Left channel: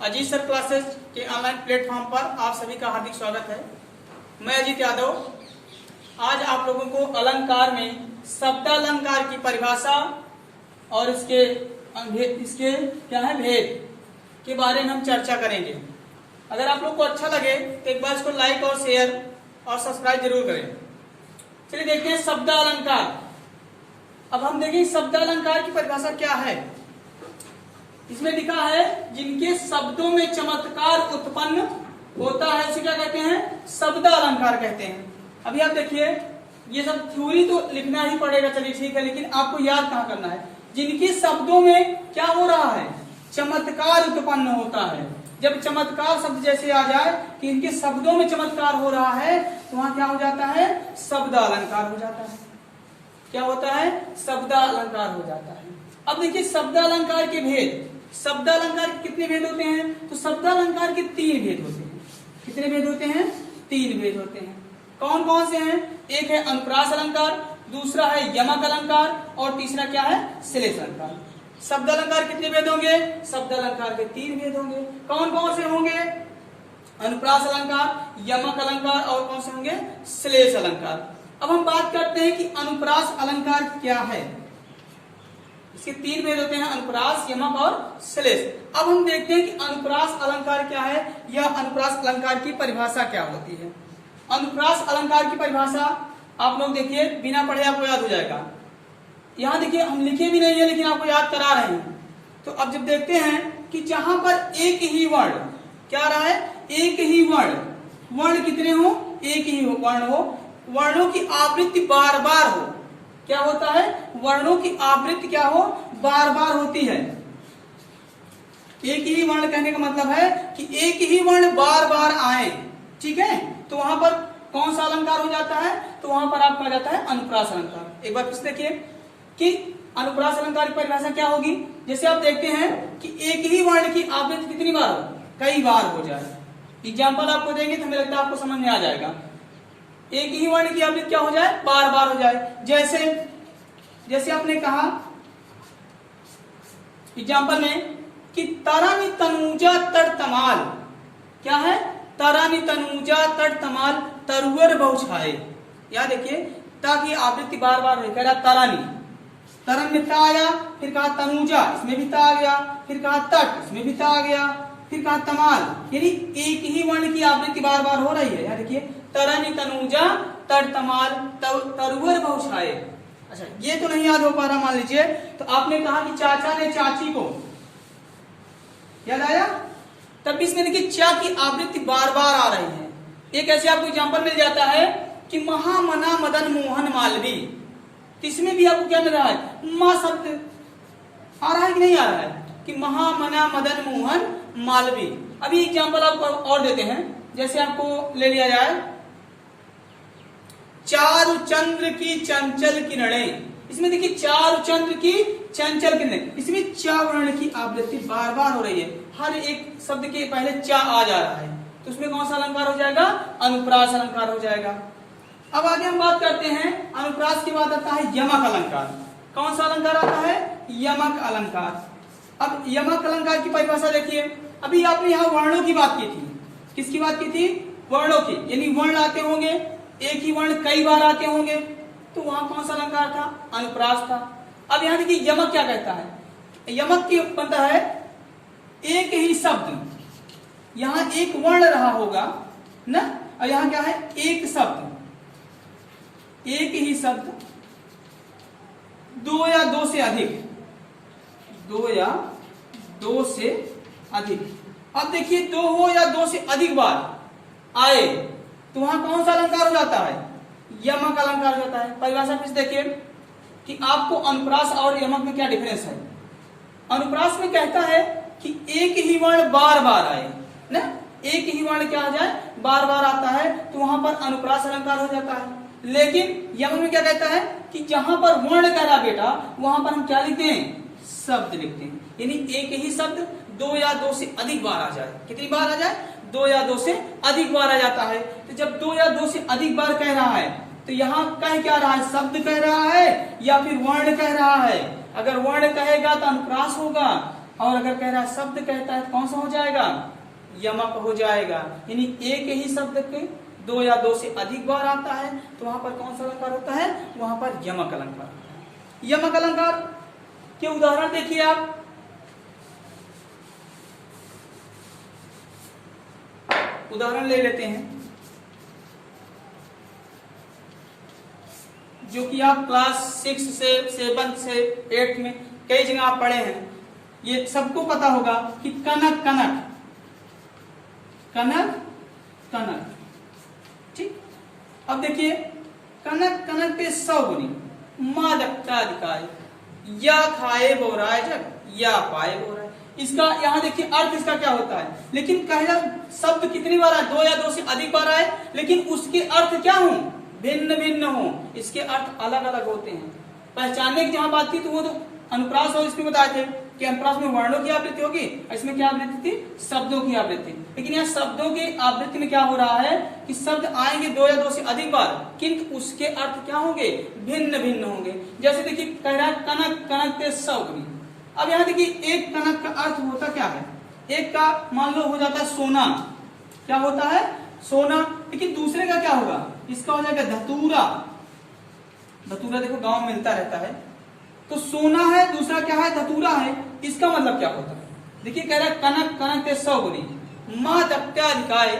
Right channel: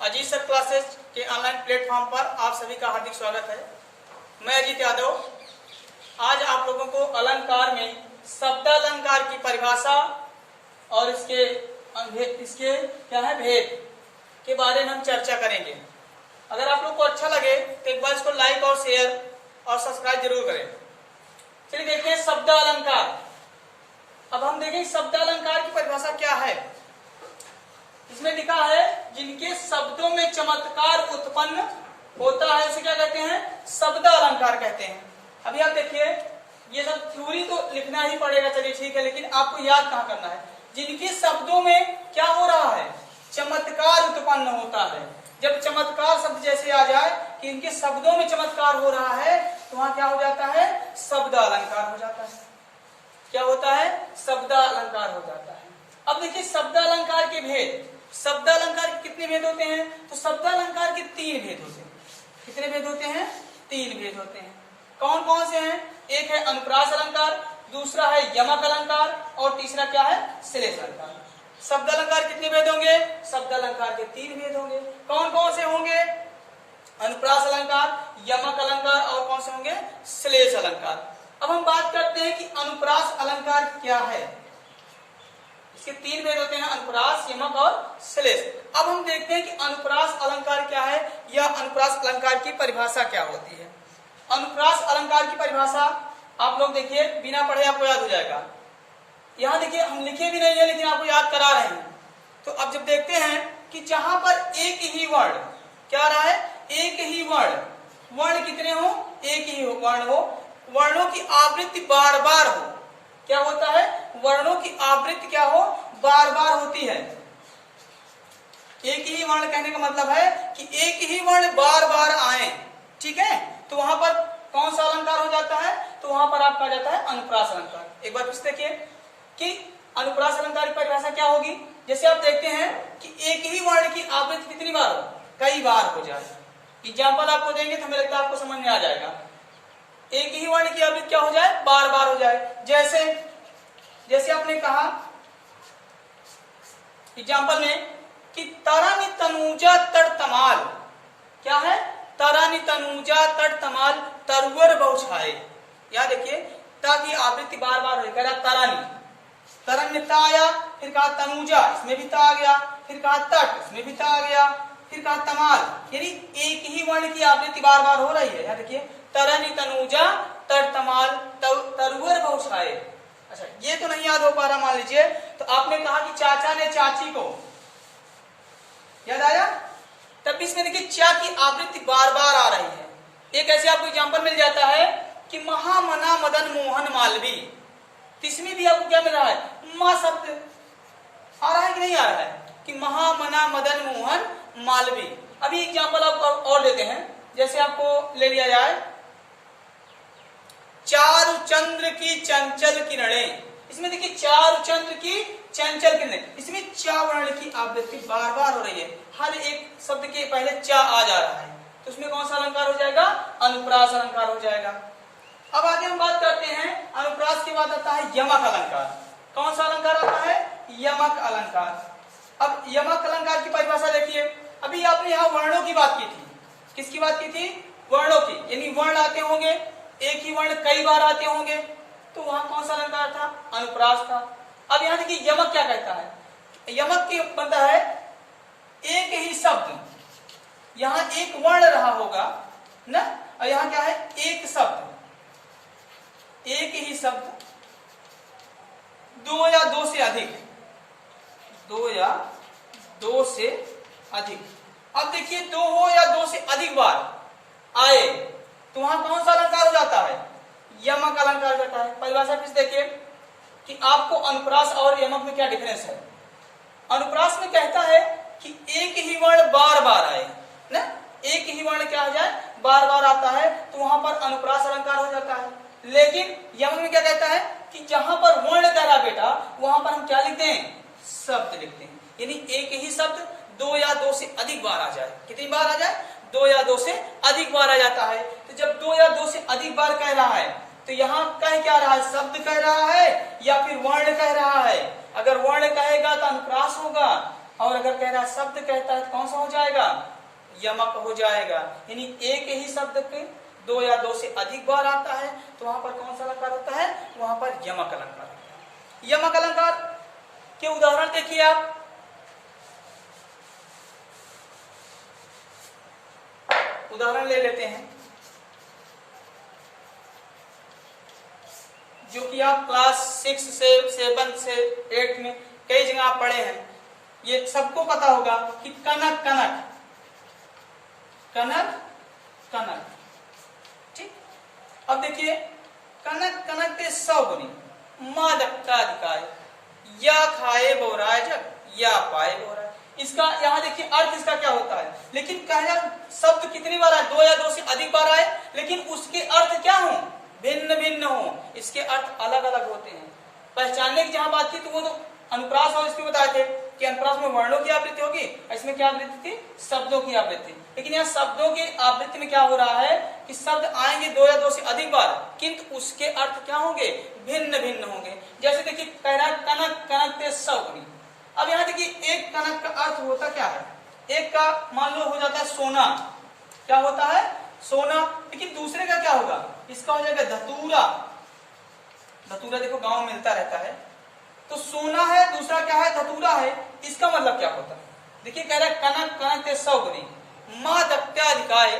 Ajit sir classes के online platform पर आप सभी का हार्दिक स्वागत है। मैं अजीत यादव आज आप लोगों को अलंकार में शब्दालंकार की परिभाषा और इसके क्या है भेद के बारे में हम चर्चा करेंगे। अगर आप लोग को अच्छा लगे तो एक बार इसको लाइक और शेयर और सब्सक्राइब जरूर करें। चलिए देखते हैं शब्दालंकार। अब हम देखें शब्दालंकार की परिभाषा क्या है। इसमें लिखा है जिनके शब्दों में चमत्कार उत्पन्न होता है इसे क्या कहते हैं, शब्दालंकार कहते हैं। अभी आप देखिए ये सब थ्योरी तो लिखना ही पड़ेगा, चलिए ठीक है, लेकिन आपको याद कहाँ करना है। जिनके शब्दों में क्या हो रहा है, चमत्कार उत्पन्न होता है। जब चमत्कार शब्द जैसे आ जाए कि इनके शब्दों में चमत्कार हो रहा है तो वहां क्या हो जाता है, शब्दालंकार हो जाता है। क्या होता है, शब्दालंकार हो जाता है। अब देखिए शब्दालंकार के भेद। शब्दालंकार के कितने भेद होते हैं, तो शब्दालंकार के 3 भेद होते हैं। कितने भेद होते हैं, 3 भेद होते हैं। कौन कौन से हैं, एक है अनुप्रास अलंकार, दूसरा है यमक अलंकार और तीसरा क्या है, श्लेष अलंकार। शब्दालंकार कितने भेद होंगे, शब्दालंकार के 3 भेद होंगे। कौन कौन से होंगे, अनुप्रास अलंकार, यमक अलंकार और कौन से होंगे, श्लेष अलंकार। अब हम बात करते हैं कि अनुप्रास अलंकार क्या है। इसके 3 भेद होते हैं, अनुप्रास, यमक और श्लेष। अब हम देखते हैं कि अनुप्रास अलंकार क्या है या अनुप्रास अलंकार की परिभाषा क्या होती है। अनुप्रास अलंकार की परिभाषा आप लोग देखिए बिना पढ़े आपको याद हो जाएगा। यहाँ देखिए हम लिखे भी नहीं है लेकिन आपको याद करा रहे हैं। तो अब जब देखते हैं कि जहां पर एक ही वर्ण क्या रहा है, एक ही वर्ण कितने हो, एक ही वर्ण हो, वर्णों की आवृत्ति बार बार हो। क्या होता है, वर्णों की आवृत्ति क्या हो, बार बार होती है। एक ही वर्ण कहने का मतलब है कि एक ही वर्ण बार बार आए, ठीक है, तो वहां पर कौन सा अलंकार हो जाता है, तो वहां पर आपका आ जाता है अनुप्रास अलंकार। एक बार फिर देखिए कि अनुप्रास अलंकार की परिभाषा क्या होगी। जैसे आप देखते हैं कि एक ही वर्ण की आवृत्ति कितनी बार हो, कई बार हो जाए। एग्जाम्पल आपको देंगे तो हमें लगता है आपको समझ में आ जाएगा। एक ही वर्ण की आवृत्ति क्या हो जाए, बार बार हो जाए। जैसे आपने कहा एग्जाम्पल में कि तरानी तनुजा तर तमाल, क्या है, तरानी तनुजा तर तमाल तरुवर बहुछाए। याद देखिए ताकि आवृत्ति बार बार हो, कह रहा तरानी, तरन में ता आया, फिर कहा तनुजा, इसमें भी ता आ गया, फिर कहा तट, इसमें भी ता आ गया, फिर कहा तमाल, यानी एक ही वर्ण की आवृत्ति बार बार हो रही है। याद देखिए तरनी तनुजा तर तमाल तरुवर बहुछाए। अच्छा ये तो नहीं याद हो पा रहा मान लीजिए, तो आपने कहा कि चाचा ने चाची को, याद आया, तब इसमें देखिए चा की आवृत्ति बार बार आ रही है। एक ऐसे आपको एग्जांपल मिल जाता है कि महामना मदन मोहन मालवी, तो इसमें भी आपको क्या मिल रहा है, मां शब्द आ रहा है कि नहीं आ रहा है, कि महामना मदन मोहन मालवी। अभी एग्जांपल आपको और देते हैं, जैसे आपको ले लिया जाए चारु चंद्र की चंचल किरणें। इसमें देखिए चारु चंद्र की चंचल किरणें, इसमें चा वर्ण की आवृत्ति बार बार हो रही है। हर एक शब्द के पहले चा आ जा रहा है, तो उसमें कौन सा अलंकार हो जाएगा, अनुप्रास अलंकार हो जाएगा। अब आगे हम बात करते हैं, अनुप्रास के बाद आता है यमक अलंकार। कौन सा अलंकार आता है, यमक अलंकार। अब यमक अलंकार की परिभाषा देखिए। अभी आपने यहाँ वर्णों की बात की थी, किसकी बात की थी, वर्णों की, यानी वर्ण आते होंगे, एक ही वर्ण कई बार आते होंगे, तो वहां कौन सा अलंकार था, अनुप्रास था। अब यहाँ देखिए यमक क्या कहता है, यमक की बनता है एक ही शब्द, यहाँ एक वर्ण रहा होगा ना, और यहाँ क्या है, एक शब्द, एक ही शब्द, 2 या 2 से अधिक, 2 या 2 से अधिक। अब देखिए 2 हो या 2 से अधिक बार आए तो वहां कौन सा अलंकार हो जाता है, यमक अलंकार जाता है। परिभाषा फिर देखिए कि आपको अनुप्रास और यमक में क्या डिफरेंस है। अनुप्रास में कहता है कि एक ही वर्ण बार बार आए ना, एक ही वर्ण क्या हो जाए, बार बार आता है, तो वहां पर अनुप्रास अलंकार हो जाता है। लेकिन यमक में क्या कहता है कि जहां पर वर्ण कह रहा बेटा, वहां पर हम क्या लिखते हैं, शब्द लिखते हैं, यानी एक ही शब्द 2 या 2 से अधिक बार आ जाए। कितनी बार आ जाए, 2 या 2 से अधिक बार आ जाता है। तो जब 2 या 2 से अधिक बार कह रहा है तो यहाँ कह क्या रहा है, शब्द कह रहा है या फिर वर्ण कह रहा है। अगर वर्ण कहेगा तो अनुप्रास होगा, और अगर कह रहा है शब्द कहता है तो कौन सा हो जाएगा, यमक हो जाएगा। यानी एक ही शब्द पे दो या दो से अधिक बार आता है तो वहां पर कौन सा अलंकार होता है, वहां पर यमक अलंकार होता है। यमक अलंकार के उदाहरण देखिए आप, उदाहरण ले लेते हैं जो कि आप क्लास 6 से 7 से 8 में कई जगह आप पढ़े हैं। ये सबको पता होगा कि कनक कनक, कनक कनक, ठीक। अब देखिए कनक कनक के 100 गुनी, मादकताधिकाय, या खाए बोराय जग, या पाए बोराय। इसका यहाँ देखिए अर्थ इसका क्या होता है, लेकिन कहना शब्द कितनी बार आए, दो या दो से अधिक बार आए, लेकिन उसके अर्थ क्या हो, भिन्न भिन्न हो, इसके अर्थ अलग अलग होते हैं। पहचानने की जहां बात थी तो वो तो अनुप्रास और इसमें बताए थे कि अनुप्रास में वर्णों की आवृत्ति होगी, इसमें क्या आवृत्ति थी, शब्दों की आवृत्ति। लेकिन यहाँ शब्दों की आवृत्ति में क्या हो रहा है कि शब्द आएंगे दो या दो से अधिक बार, किंतु उसके अर्थ क्या होंगे, भिन्न भिन्न होंगे। जैसे देखिए कह रहा है कनक कनक ते 100 गुनी। अब यहाँ देखिए एक कनक का अर्थ होता क्या है, एक का मान लो हो जाता है सोना, क्या होता है, सोना। लेकिन दूसरे का क्या होगा, इसका हो जाएगा धतूरा। धतूरा देखो गांव में मिलता रहता है, तो सोना है, दूसरा क्या है, धतूरा है। इसका मतलब क्या होता है, देखिए कह रहा है कनक कनक ते 100 गुनी, मां दत्याधिकाय,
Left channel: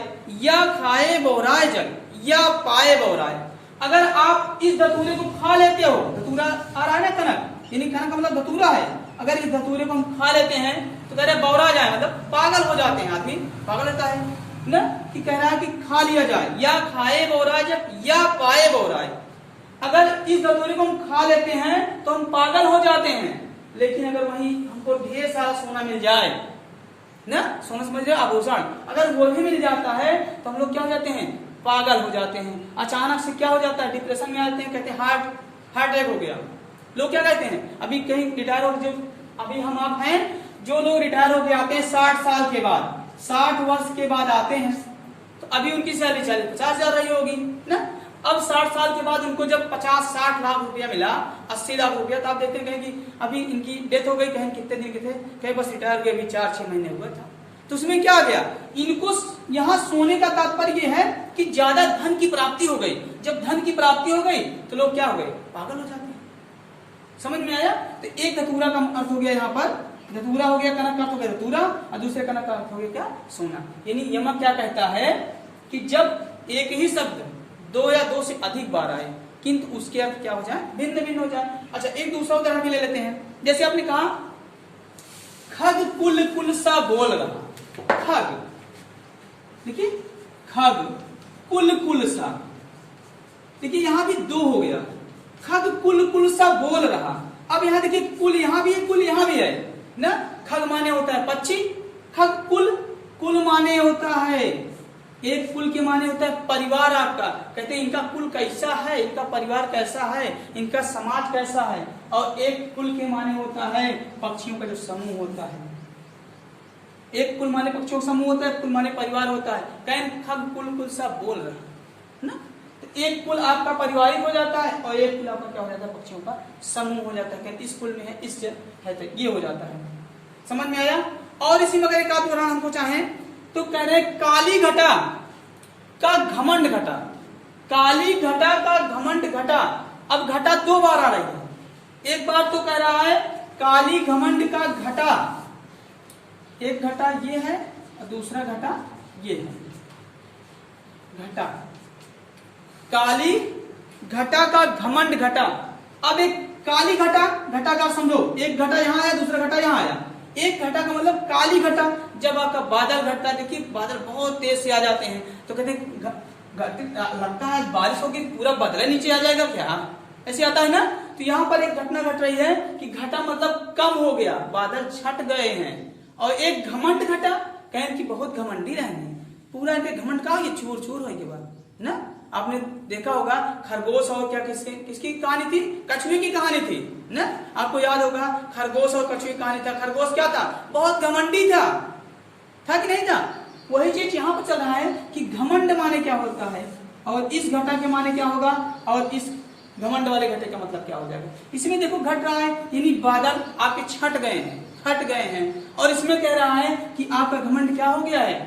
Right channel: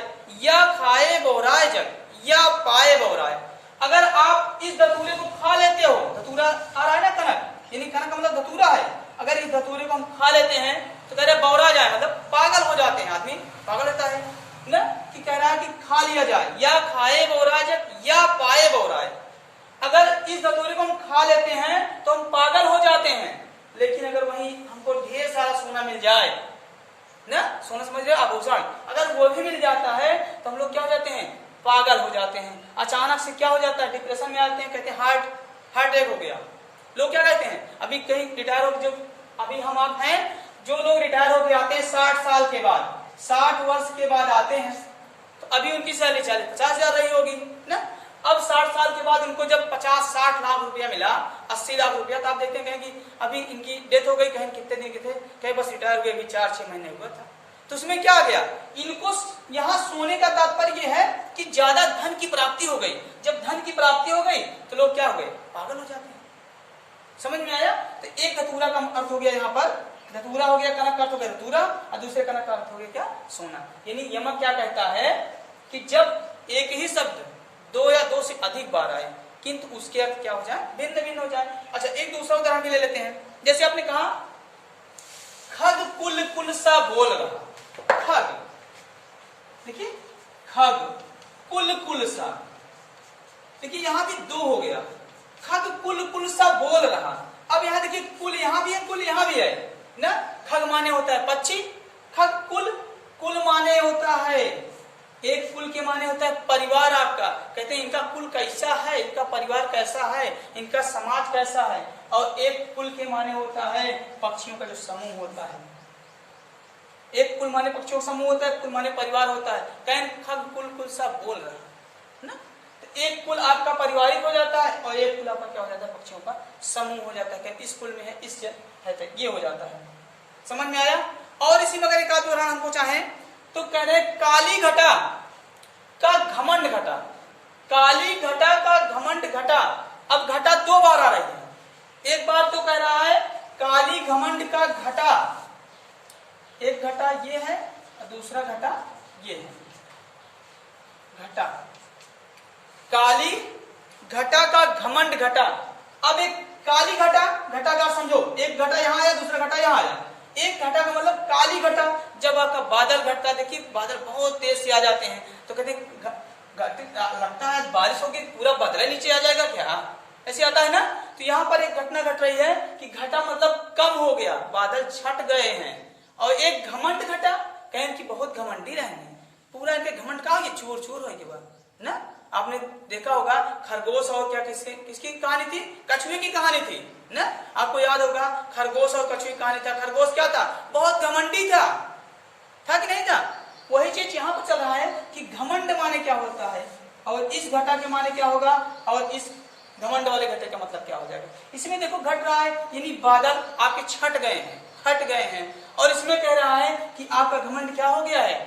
या खाए बोराय जग, या पाए बोराय। अगर आप इस धतूरे को खा लेते हो, धतूरा आ रहा है ना कनक, यानी कनक का मतलब धतूरा है, अगर इस धतूरे को हम खा लेते हैं तो कह रहे बौरा जाए, मतलब पागल हो जाते हैं, आदमी पागल होता है ना, कि कह रहा है कि खा लिया जाए, या खाए बोराय जग, या पाए बोराय। अगर इस धतूरे को हम खा लेते हैं तो हम पागल हो जाते हैं, लेकिन अगर वहीं हमको ढेर सारा सोना मिल जाए ना, सोना समझ रहे आभूषण, अगर वो भी मिल जाता है तो हम लोग क्या हो जाते हैं, पागल हो जाते हैं। अचानक से क्या हो जाता है, डिप्रेशन में आते हैं, कहते हैं हार्ट अटैक हो गया। लोग क्या कहते हैं, अभी कहीं रिटायर हो, जो अभी हम आप हैं, जो लोग रिटायर होके आते हैं 60 साल के बाद, 60 वर्ष के बाद आते हैं, तो अभी उनकी सैलरी 50,000 रही होगी ना। अब 60 साल के बाद उनको जब 50-60 लाख रुपया मिला, 80 लाख रुपया, तो आप देखते हैं कि अभी इनकी डेथ हो गई, कहीं कितने दिन के थे, कहीं बस रिटायर हुए अभी 4-6 महीने हुआ था। तो उसमें क्या आ गया, इनको यहाँ सोने का तात्पर्य है कि ज्यादा धन की प्राप्ति हो गई। जब धन की प्राप्ति हो गई तो लोग क्या हो गए, पागल हो जाते हैं। समझ में आया। तो एक धतूरा का अर्थ हो गया, यहाँ पर धतूरा हो गया, कनक का अर्थ हो गया धतूरा, और दूसरे कनक का अर्थ हो गया क्या, सोना। यानी यमक क्या कहता है कि जब एक ही शब्द दो या दो से अधिक बार आए किंतु उसके अर्थ क्या हो जाए, भिन्न भिन्न हो जाए। अच्छा एक दूसरा उदाहरण भी ले लेते हैं। जैसे आपने कहा खग कुल कुल सा बोल रहा, खग, देखिए खग कुल कुल सा, देखिए यहां भी दो हो गया, खग कुल कुल सा बोल रहा। अब यहां देखिए कुल यहां भी है, कुल यहां भी है ना। खग माने होता है पक्षी, खग कुल, कुल माने होता है, एक कुल के माने होता है परिवार आपका। कहते हैं इनका कुल कैसा है, इनका परिवार कैसा है, इनका समाज कैसा है। और एक कुल के माने होता है पक्षियों का जो समूह होता है। एक कुल माने पक्षियों का समूह होता है, कुल माने परिवार होता है। कहन खग कुल कुल सा बोल रहा ना, तो एक कुल आपका परिवारिक हो जाता है और एक कुल आपका क्या हो जाता है, पक्षियों का समूह हो जाता है। इस कुल में है, इस है, तो ये हो जाता है। समझ में आया। और इसी में अगर एक आध उदाहरण हमको चाहे तो कह रहे काली घटा का घमंड घटा, काली घटा का घमंड घटा। अब घटा दो बार आ रही है, एक बार तो कह रहा है काली घमंड का घटा, एक घटा ये है और दूसरा घटा ये है, घटा, काली घटा का घमंड घटा। अब एक काली घटा, घटा का समझो, एक घटा यहां आया, दूसरा घटा यहां आया। एक घटा का मतलब काली घटा, जब आपका बादल घटता है, देखिए बादल बहुत तेज से आ जाते हैं तो कहते हैं लगता है बारिश होगी, पूरा बादल नीचे आ जाएगा क्या, ऐसे आता है ना। तो यहाँ पर एक घटना घट रही है कि घटा मतलब कम हो गया, बादल छट गए हैं। और एक घमंड घटा, कहें कि बहुत घमंडी रहे हैं, पूरा इनके घमंड का ये चूर चूर होने के बाद ना। आपने देखा होगा खरगोश और क्या किसकी कहानी थी, कछुए की कहानी थी ना। आपको याद होगा खरगोश और कछुए की कहानी था। खरगोश क्या था, बहुत घमंडी था कि नहीं था। वही चीज यहाँ पर चल रहा है कि घमंड माने क्या होता है और इस घटा के माने क्या होगा और इस घमंड वाले घटे का मतलब क्या हो जाएगा। इसमें देखो घट रहा है, यानी बादल आपके छट गए हैं, हट गए हैं। और इसमें कह रहा है कि आपका घमंड क्या हो गया है,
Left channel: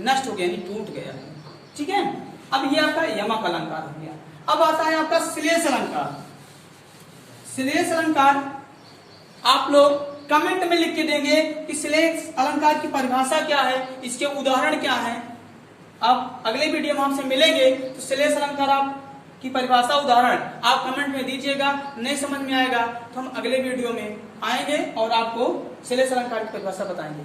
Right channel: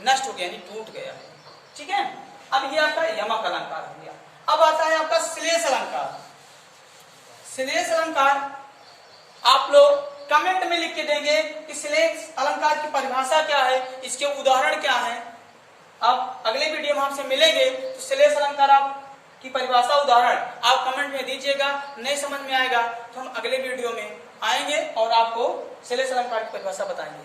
नष्ट हो गया, यानी टूट गया है। ठीक है, अब ये आपका यमक अलंकार हो गया। अब आता है आपका श्लेष अलंकार। श्लेष अलंकार आप लोग कमेंट में लिख के देंगे कि श्लेष अलंकार की परिभाषा क्या है, इसके उदाहरण क्या है। अब अगले वीडियो में आपसे मिलेंगे तो श्लेष अलंकार आप की परिभाषा उदाहरण आप कमेंट में दीजिएगा। नहीं समझ में आएगा तो हम अगले वीडियो में आएंगे और आपको श्लेष अलंकार की परिभाषा बताएंगे।